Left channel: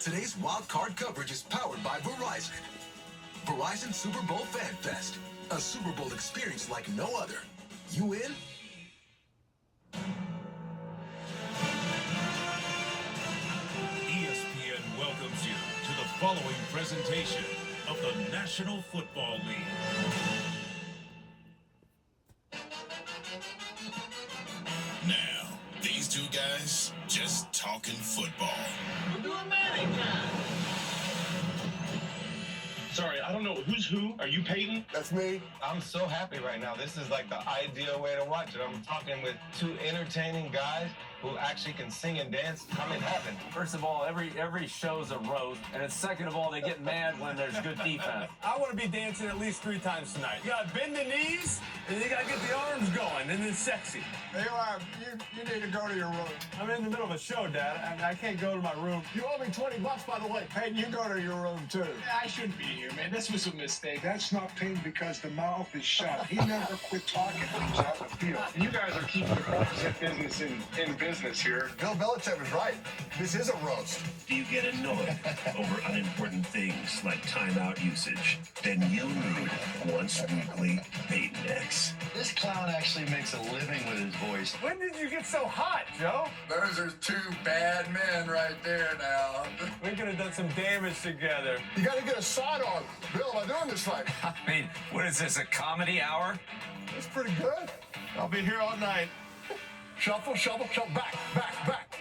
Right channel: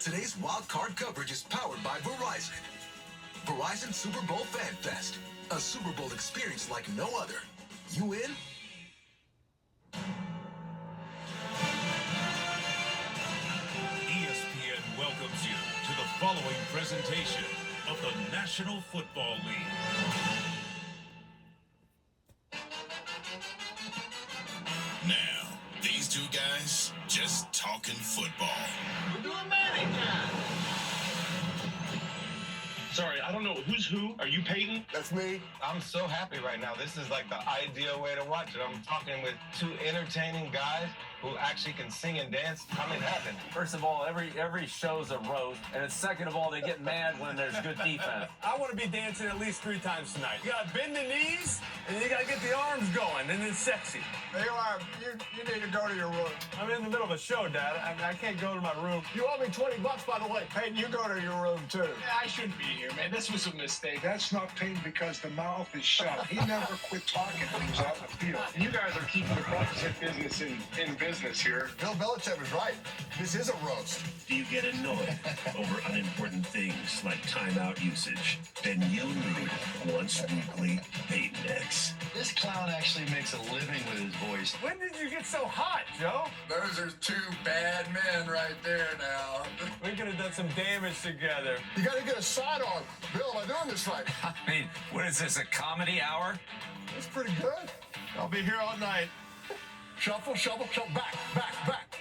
Today's wild card coverage is powered by Verizon. Verizon Super Bowl Fan Fest. A Super Bowl experience like no other. You in? ESPN welcomes you to the following presentation of the National Football League. Now, these two guys just talking football. We're doing Manning time. Sorry, I don't know who's who. Are you Peyton? That's me. I'm so happy right now. This is like the ideal way to watch it. I'm talking with two entertaining guys who actually can sing and dance. I'm in heaven. First of all, every show's a roast, and second of all, they get mad when there's good defense. I want to be dancing at least 3 times tonight. You got to bend the knees, and you got to get the arms going, and it's sexy. Hey, you need to go to your room. I'm in the middle of a show, Dad. I can't go to my room. You owe me $20, by the way. Hey, you go to your room, too. Yeah, I shouldn't be here, man. This was a mistake. That's not Payne because the mouth is shut. He never quit talking when he's out in the field. And you guys are keeping the Broncos business in business here. Bill Belichick was right. This is a roast. Do you get annoyed over unimportant things like timeout usage? Then you'll need once weekly Peyton X. This clown actually makes a living with his voice. When did you get so hot, Joe? Those are 2 bad men right there now. We could have done some damage together. You got to get a side on. Bill, am I doing this right? I mean, what is this, a comedy hour? That's pretty good. I'll be here all night. Shuffle, shuffle, shuffle, back.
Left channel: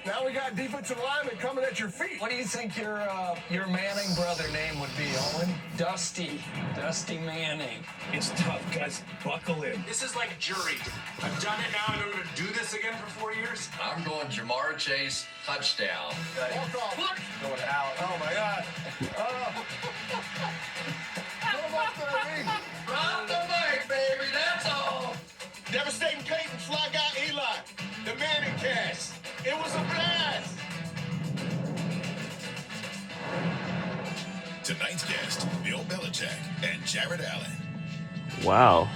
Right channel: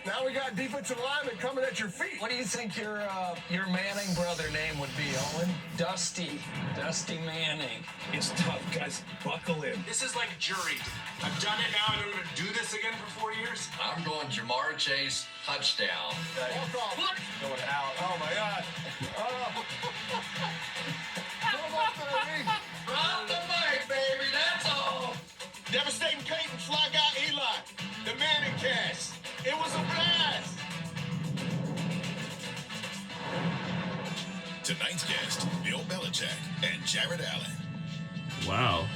Now we got defensive linemen coming at your feet. What do you think your Manning brother name would be, Owen? Dusty Manning. It's tough, guys. Buckle in. This is like jury. I've done it now, and I'm going to do this again for 4 years. I'm going Jamar Chase, touchdown. Walk off. Going out. Oh, my God. Oh. Come off the knee. Drop the mic, baby, that's all. Devastating Peyton, fly guy Eli. The Manning cast. It was a blast. Tonight's guest, Bill Belichick and Jared Allen. Wow.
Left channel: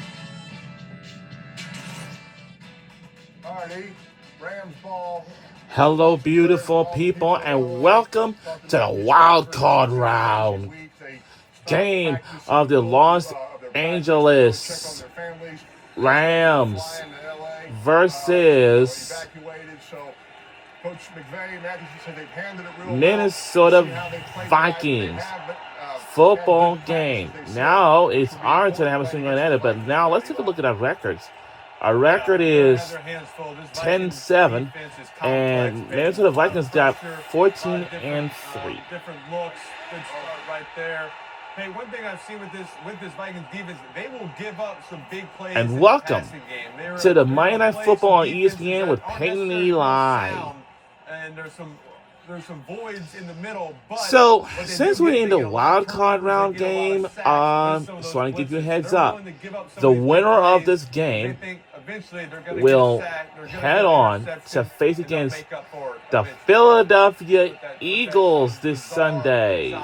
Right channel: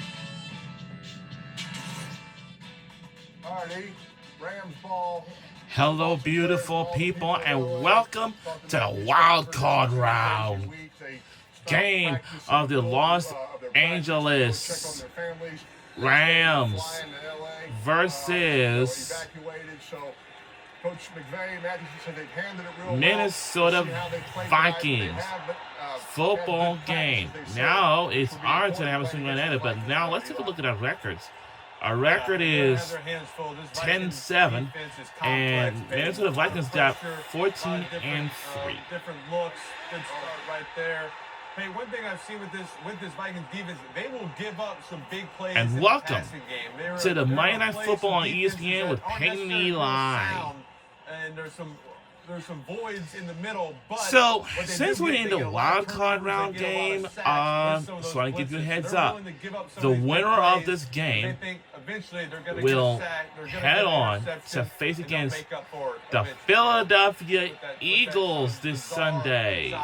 All right, Rams ball. Hello, beautiful people, and welcome to the wild card round game of the Los Angeles Rams versus Minnesota Vikings football game. Now it's our turn to have a swing on it, but now let's take a look at our records. Our record is 10-7, and Minnesota Vikings got 14-3. Different looks, good start right there. Hey, one thing I've seen with this Vikings defense, they will give up some big plays. And welcome to the Monday Night Football on ESPN with Peyton Eli. And there's some voids in the middle. But so since we're in the wild card round game, so I want to give you a heads up. The winner of this game will head on to face against the Philadelphia Eagles this Sunday.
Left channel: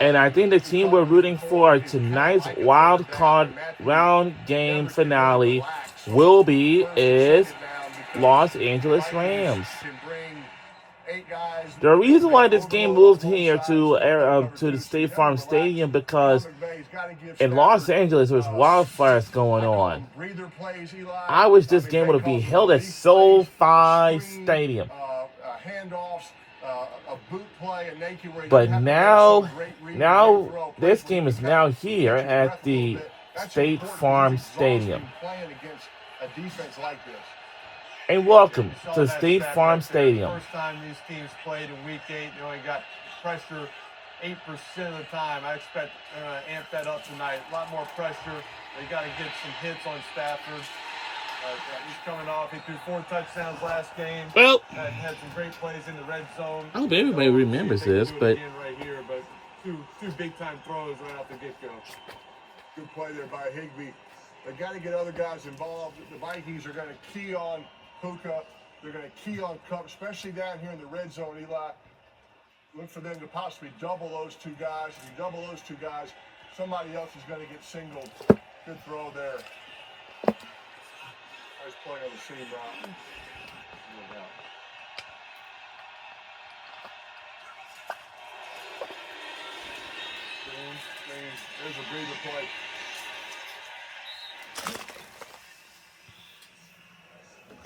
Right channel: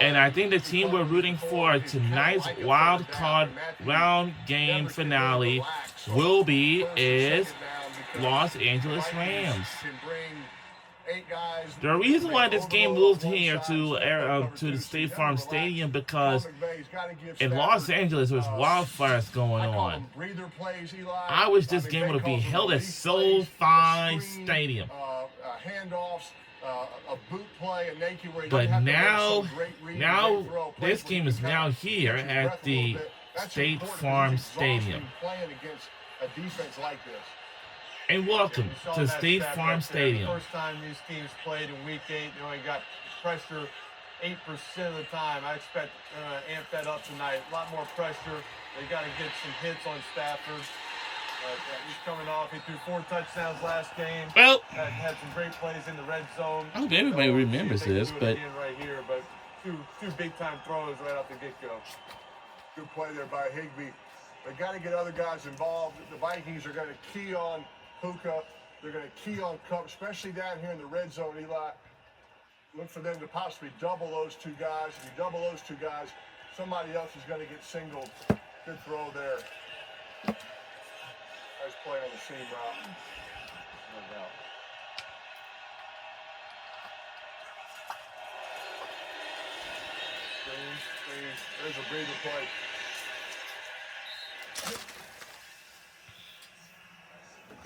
And I think the team we're rooting for tonight's wild card round game finale will be Los Angeles Rams. The reason why this game moved here to the State Farm Stadium because in Los Angeles there's wildfires going on. I wish this game would have been held at SoFi Stadium. But now this game is now here at the State Farm Stadium. And welcome to State Farm Stadium. First time these teams played in Week 8, they only got pressure 8% of the time. I expect to amp that up tonight. A lot more pressure. They got to get some hits on Stafford. He's coming off. He threw 4 touchdowns last game. Well, had some great plays in the red zone. I hope everybody remembers this, but right here, but two big time throws right off the get go. Good play there by Higbee. They got to get other guys involved. The Vikings are going to key on Puka. They're going to key on Cup, especially down here in the red zone, Eli. Look for them to possibly double those 2 guys. If you double those 2 guys, somebody else is going to get singled. Good throw there. Nice play on the seam route. No doubt. screen. There's a breather play.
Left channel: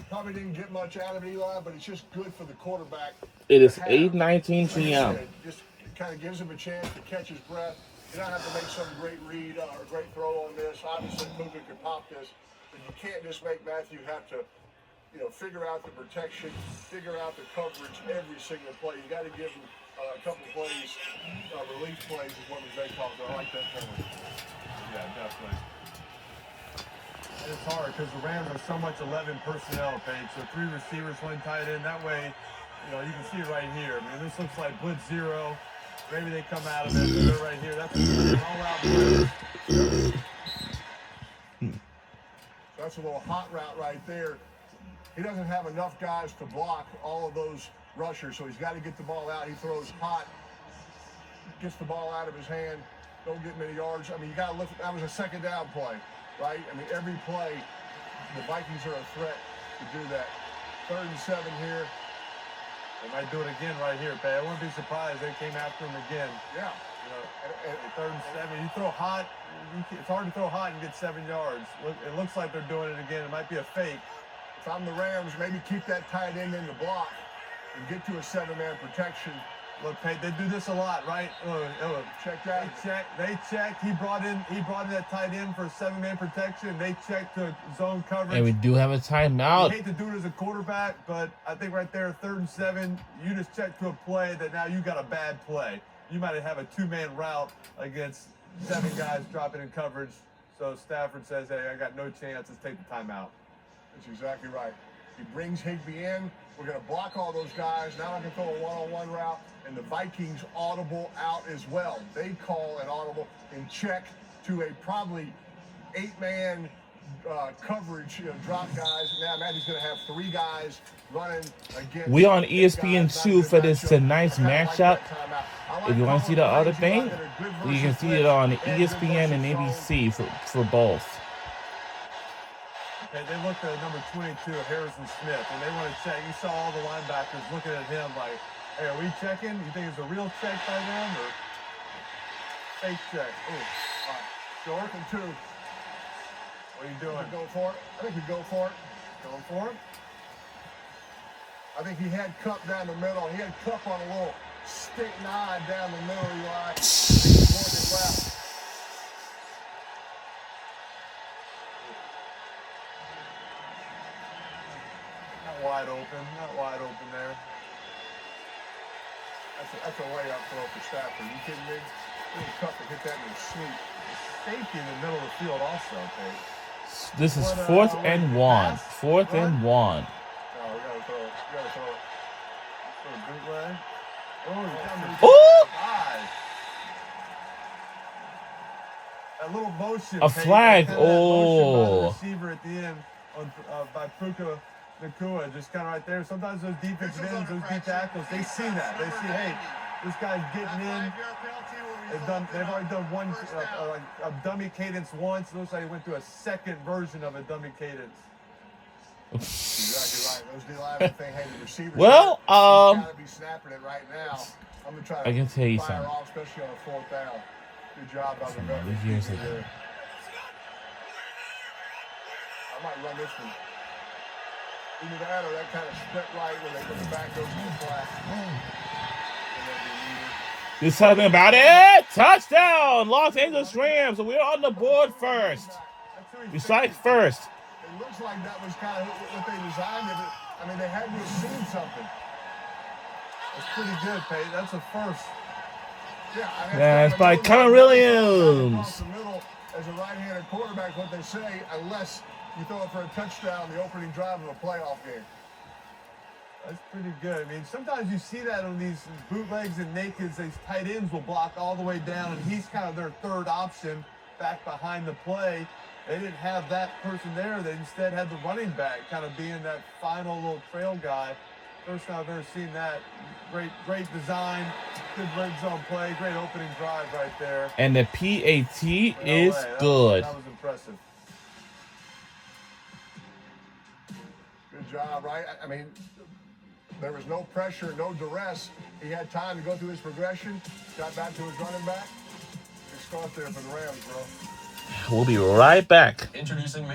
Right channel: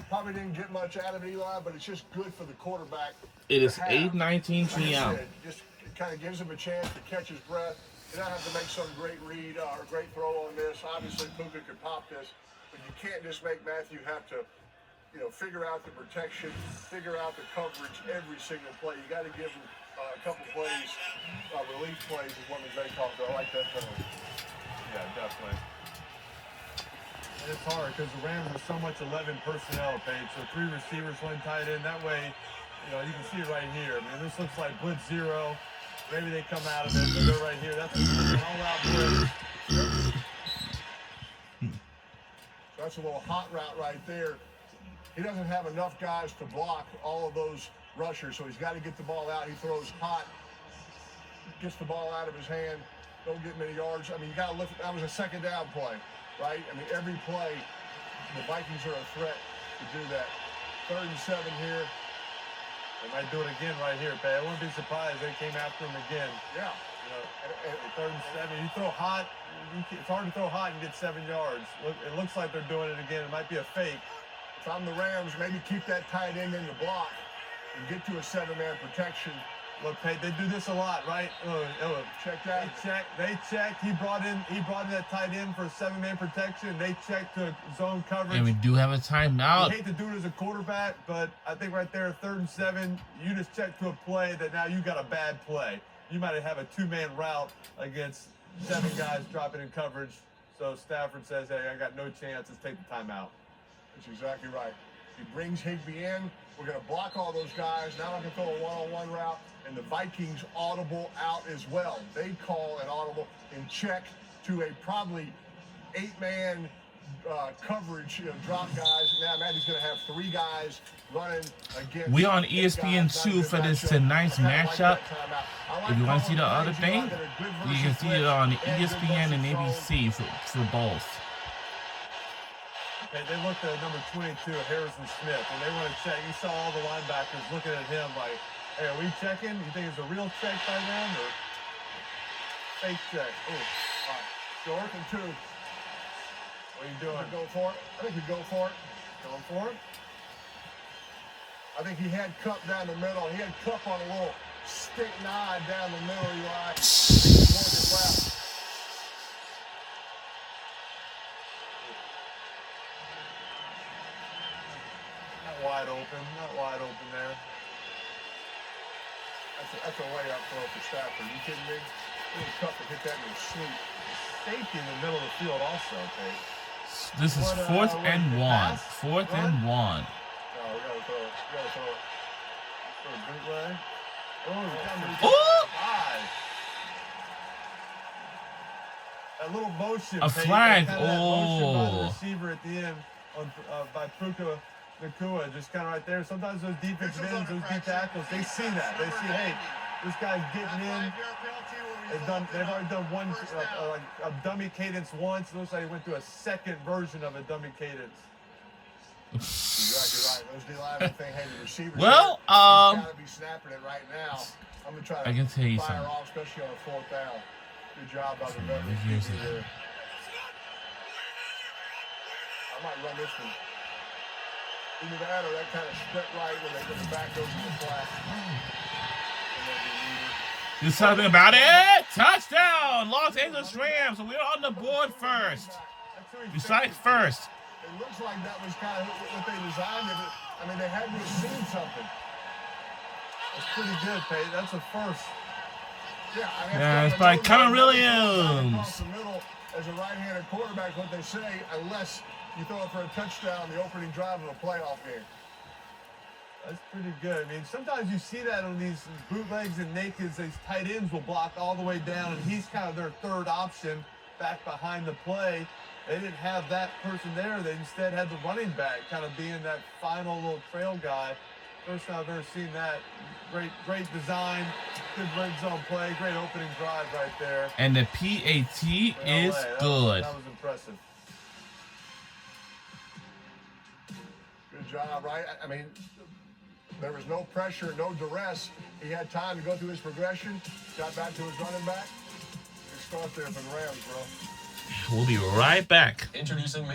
Probably didn't get much out of Eli, but it's just good for the quarterback. It is to have. 8:19 Like I p.m. said, just kind of gives him a chance to catch his breath. You don't have to make some great read or great throw on this. Obviously, Puka could pop this, but you can't just make Matthew have to, figure out the protection, figure out the coverage every single play. You got to give him a couple plays, relief plays is what they call it. I like that penalty. Yeah, definitely. And it's hard because the Rams are so much 11 personnel, Paige. So 3 receivers, 1 tight end. That way, you can see it right here. I mean, this looks like blitz 0. Maybe they come out of it, but they're right here. That's an all-out blitz. That's a little hot route right there. He doesn't have enough guys to block all of those rushers, so he's got to get the ball out. He throws hot, gets the ball out of his hand, don't get many yards. I mean, you got to look at that was a second down play, right? I mean, every play, the Vikings are a threat to do that. 3rd and 7 here. They might do it again right here, Pay. I wouldn't be surprised if they came after him again. Yeah. At 3rd and 7, you throw hot. It's hard to throw hot and get 7 yards. It looks like they're doing it again. It might be a fake. If I'm the Rams, maybe keep that tight end in the block and get to a 7-man protection. Look, Pate, they do this a lot, right? Check that. They checked. He brought in that tight end for a 7-man protection. They checked to zone coverage. And we do have a timeout. I hate to do it as a quarterback, but I think right there, 3rd and 7, you just check to a play that now you got a bad play. You might have a 2-man route against 7 guys dropping in coverage. So Stafford says, hey, I got no chance. Let's take the timeout. That's exactly right. He brings Higbee in. We're going to block all those guys. Now I can throw a one-on-one route. And the Vikings audible out as well. They call an audible and check to a probably 8-man coverage, drop guys. Now Matthew's going to have 3 guys running against. We on ESPN2 for this tonight's matchup. If you want to see the other thing, you can see it on ESPN and ABC for both. They looked at number 22, Harrison Smith, and they want to check. You saw all the linebackers looking at him like, hey, are we checking? You think it's a real check by them or fake check? Oh, all right. 4th and 2. What are you doing? Go for it. I think we go for it. Going for it? I think he had Cup down the middle. He had Cup on a little stick nine down the middle. Eli. Left. Not wide open there. That's a layup throw for Stafford. You kidding me? Little Cup to hit that in his sleep. Safety in the middle of the field also, Pete. This is 4th and 1. 4th and 1. No, we gotta throw it. We gotta throw it. For a bootleg. Oh! That little motion. A flag. Motion by the Oh. receiver at the end by Puka Nakua, just kind of right there. Sometimes those defensive ends, those D tackles, they see that. They see, hey, this guy's getting in. They've already done one, a dummy cadence once. It looks like he went to a second version of a dummy cadence. Exactly right. Those D-linemen think, hey, the receiver. Well, he's got to be snapping it right now. I'm gonna try to I can tell you fire something. off, especially on a 4th down. Good job by the veteran. I might run this one. Either that or that kind of split right when the back goes to the flat. Do something about it. Touchdown, Los Angeles Rams. We're on the board first. We strike first. It looks like that was kind of what they designed of it. I mean, they had to have seen something. That's pretty good, Pate. That's a first. Yeah, I mean, That's by Connor Williams. Across the middle as a right-handed quarterback, what they say, unless you throw it for a touchdown the opening drive of a playoff game. That's pretty good. I mean, sometimes you see that on these bootlegs and nakeds. These tight ends will block all the way down, and he's kind of their 3rd option back behind the play. They didn't have that person there. They instead had the running back kind of being that final little trail guy. First time I've ever seen that. Great design, good red zone play, great opening drive right there. And the PAT is good. That was impressive. Good job, right? I mean, there was no pressure, no duress. He had time to go through his progression, got back to his running back. Good crosshair for the Rams, bro. We'll be right back. Introducing